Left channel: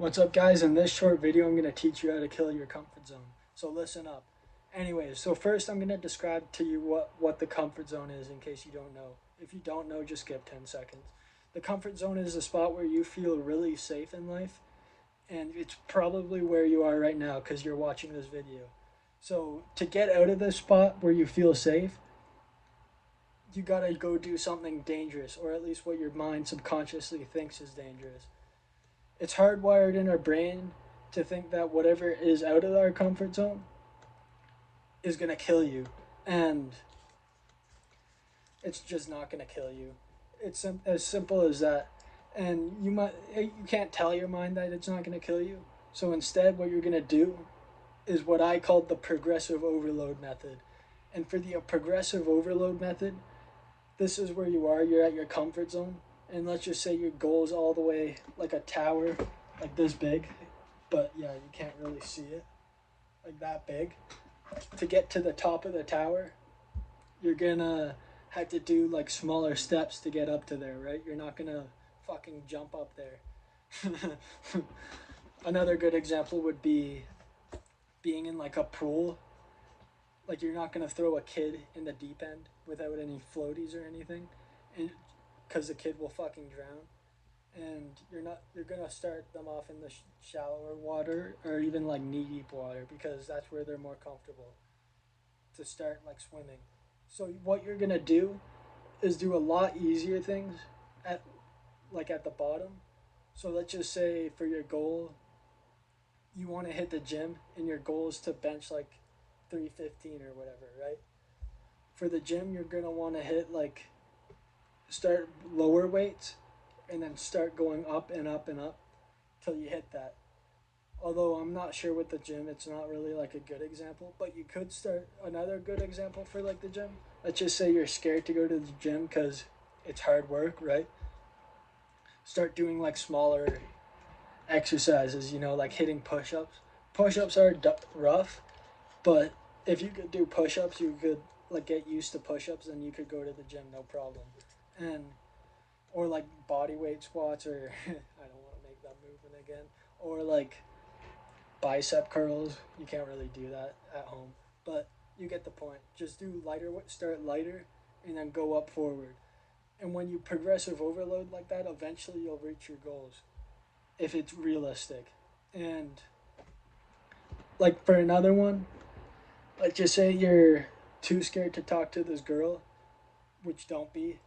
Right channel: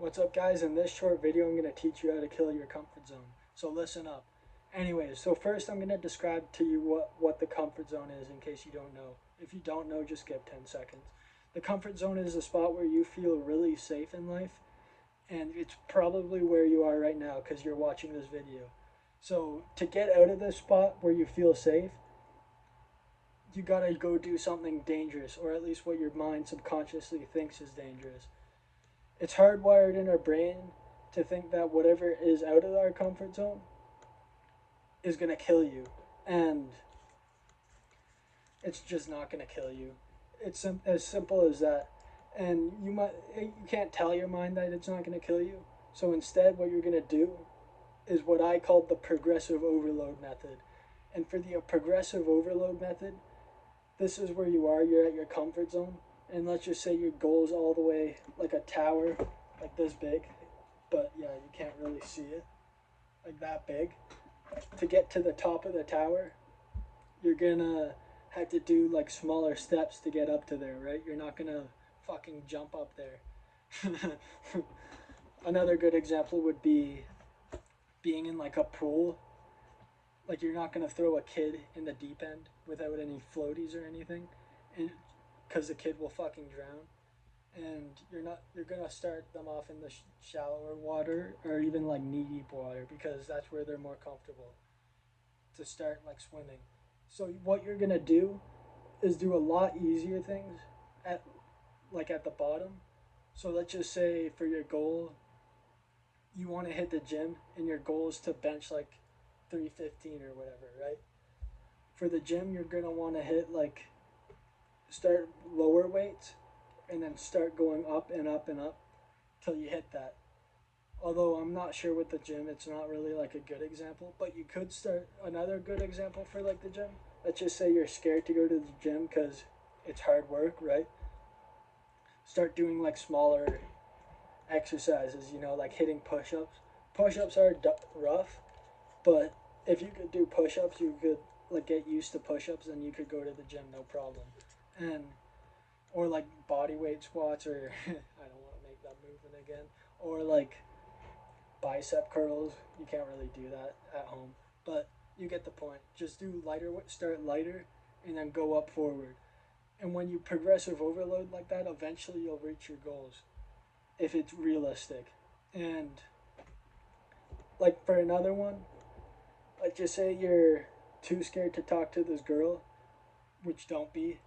What's up, guys? In this short video, I'm going to teach you how to kill your comfort zone. So listen up. Anyways, so first I'm going to describe to you what the comfort zone is in case you don't know. If you don't know, just skip 10 seconds. The comfort zone is a spot where you feel really safe in life, and it's probably where you are right now because you're watching this video. So to get out of this spot where you feel safe, you gotta go do something dangerous, or at least what your mind subconsciously thinks is dangerous. It's hardwired in our brain to think that whatever is out of our comfort zone is going to kill you. And it's just not going to kill you. It's as simple as that. And you can't tell your mind that it's not going to kill you. So instead, what you're going to do is what I call the progressive overload method. And for the progressive overload method, this is where you are. You're at your comfort zone. And let's just say your goal is all the way like a tower, like this big. But yeah, you can't really see it, like that big. To get to the top of the tower, you're gonna have to do like smaller steps to get up to there, right? You're not gonna fucking jump up there. Another good example would be being in like a pool. Like you're not gonna throw a kid in the deep end without any floaties or anything, and because the kid will fucking drown. And you're gonna start them off in the shallower water or even like knee deep water because that's where they're more comfortable to start like swimming. So what you're gonna do is do a lot easier things at at the bottom. So let's just say for your goal, you want to hit the gym and your goal is to bench like 315 or whatever, right? For the gym, you're gonna want to hit like start lower weights and then start going up and up and up till you hit that. Although I'm not sure with the gym, it's not really like a good example, but you could start another good example for like the gym. Let's just say you're scared to go to the gym because it's hard work, right? Start doing like smaller exercises, like hitting push ups. Push ups are rough, but if you could do push ups, you could like get used to push ups, and you could go to the gym no problem. And or like body weight squats, or I don't want to make that movement again, or like bicep curls. You can't really do that at home, but you get the point. Just do lighter, start lighter, and then go up forward. And when you progressive overload like that, eventually you'll reach your goals if it's realistic. And like for another one, like just say you're too scared to talk to this girl, which don't be.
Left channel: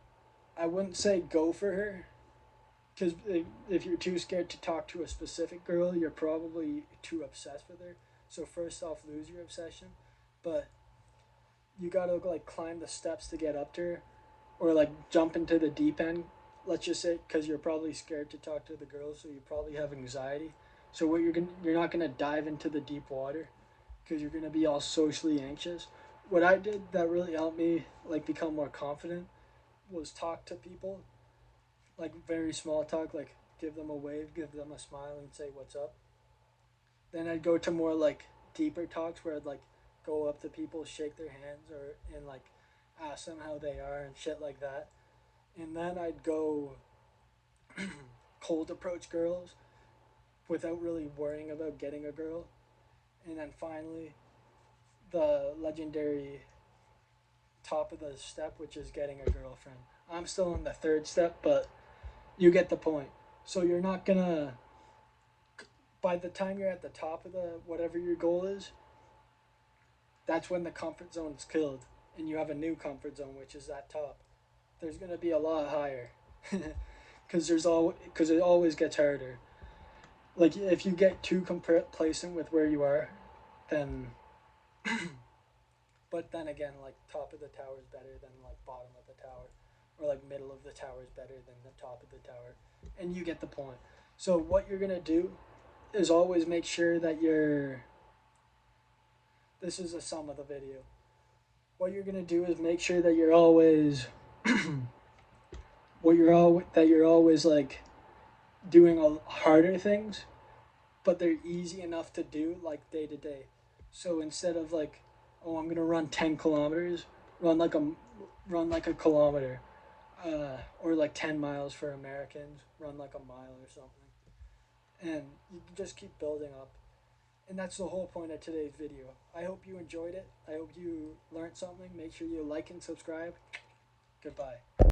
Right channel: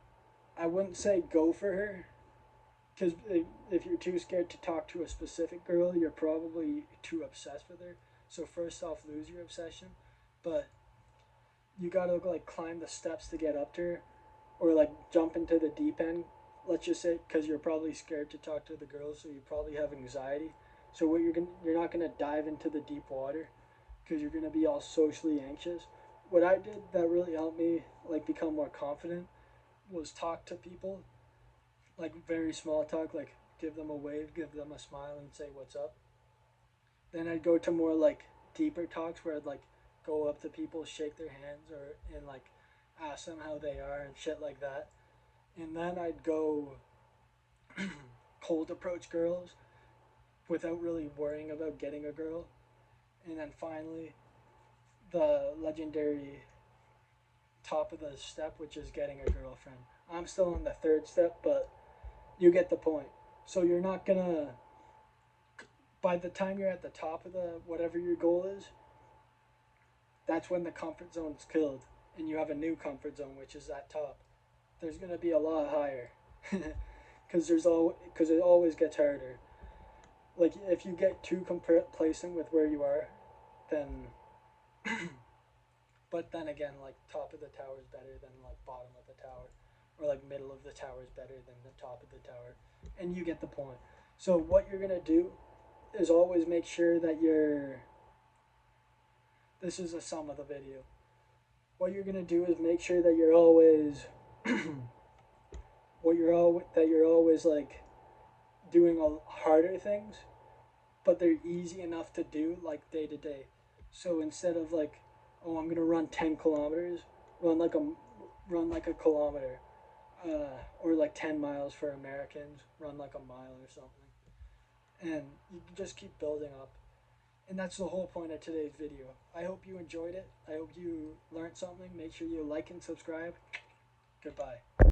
I wouldn't say go for her, because if you're too scared to talk to a specific girl, you're probably too obsessed with her. So first off, lose your obsession, but you gotta like climb the steps to get up to her, or like jump into the deep end. Let's just say because you're probably scared to talk to the girl, so you probably have anxiety. So what you're not gonna dive into the deep water because you're gonna be all socially anxious. What I did that really helped me like become more confident was talk to people, like very small talk, like give them a wave, give them a smile, and say what's up. Then I'd go to more like deeper talks where I'd like go up to people, shake their hands, or and like ask them how they are and shit like that. And then I'd go cold approach girls without really worrying about getting a girl. And then finally, the legendary top of the step, which is getting a girlfriend. I'm still in the third step, but you get the point. So you're not gonna, by the time you're at the top of the whatever your goal is, that's when the comfort zone's killed, and you have a new comfort zone, which is that top. There's gonna be a lot higher, because it always gets harder. Like if you get too complacent with where you are, then but then again, like top of the tower is better than like bottom of the tower, or like middle of the tower is better than the top of the tower, and you get the point. So what you're gonna do is always make sure that you're. This is the sum of the video. What you're gonna do is make sure that you're always, you're always like doing a harder things, but they're easy enough to do like day to day. So instead of like, oh, I'm gonna run 10 kilometers, run like a run like a kilometer, or like 10 miles for Americans, run like a mile or something. and you just keep building up. And that's the whole point of today's video. I hope you enjoyed it. I hope you learned something. Make sure you like and subscribe. Goodbye.